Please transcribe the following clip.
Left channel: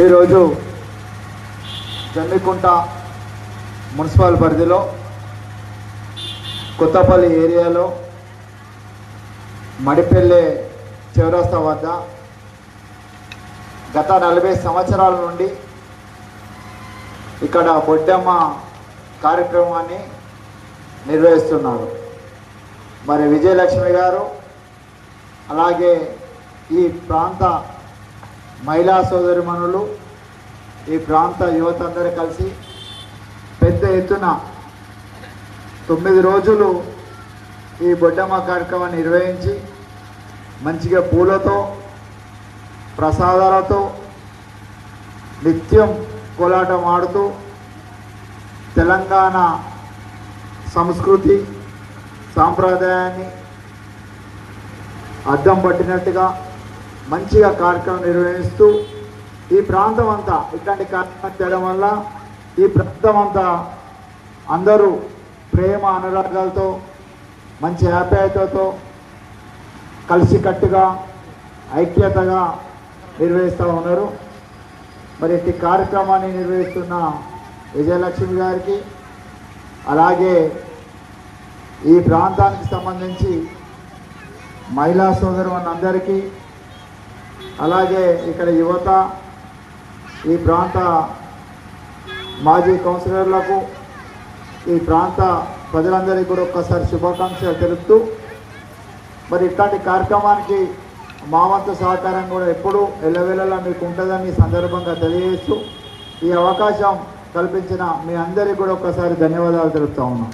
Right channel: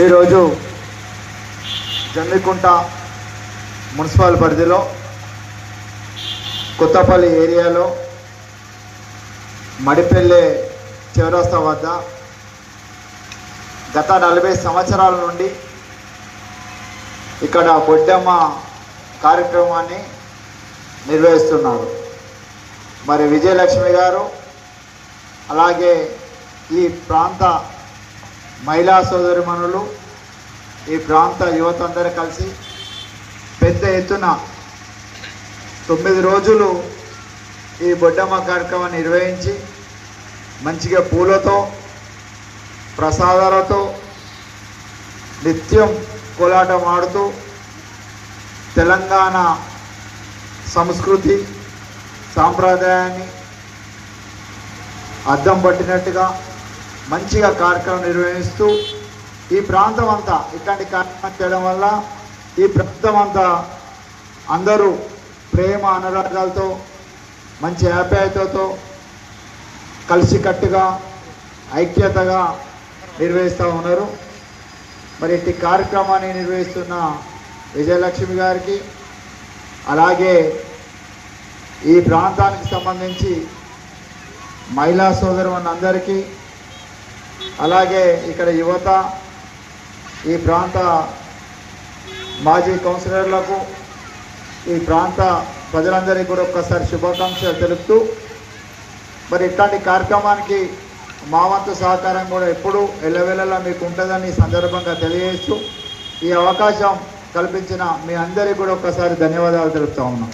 ఈరోజు జమ్మికుంట మున్సిపల్ పరిధిలో కొత్తపల్లి ఏరియాలో మడిపెల్లె చౌరస్తా వద్ద గత 40 సంవత్సరాల నుండి ఇక్కడ బొడ్డమ్మ కార్యక్రమాన్ని నిర్వహిస్తున్నారు. మరి విజయలక్ష్మి గారు అలాగే ఈ ప్రాంత మహిళా సోదరిమణులు ఈ ప్రాంత యువత అందరూ కలిసి పెద్ద ఎత్తున 9 రోజులు ఈ బొడ్డమ్మ కార్యక్రమాన్ని నిర్వహించి మంచిగా పూలతో ప్రసాదాలతో నిత్యం కోలాటం ఆడుతూ తెలంగాణ సంస్కృతి సాంప్రదాయాన్ని అద్దం పట్టినట్టుగా మంచిగా కార్యక్రమం నిర్వహిస్తూ ఈ ప్రాంతం అంతా ఇట్లాంటి కార్యక్రమం చేయడం వల్ల ఈ ప్రాంతం అంతా అందరూ ప్రేమ అనురాగాలతో మంచి ఆప్యాయతతో కలిసికట్టుగా ఐక్యతగా నిర్వహిస్తూ ఉన్నారు. మరి ఈ కార్యక్రమాన్ని నిర్వహిస్తున్న విజయలక్ష్మి గారికి అలాగే ఈ ప్రాంతానికి సంబంధించి మహిళా సోదరులందరికీ అలాగే ఇక్కడ యువత ఈ ప్రాంత మాజీ కౌన్సిలర్లకు ఈ ప్రాంత ప్రజలందరికీ కూడా ఒక్కసారి శుభాకాంక్షలు తెలుపుతూ మరి ఇట్లాంటి కార్యక్రమానికి మా వంతు సహకారం కూడా ఎప్పుడూ ఎల్లవేళలా మీకు ఉంటుందని సందర్భంగా తెలియజేస్తూ ఈ అవకాశం కల్పించిన మీ అందరికీ కూడా ఒక్కసారి ధన్యవాదాలు తెలుపుతా ఉన్నాం.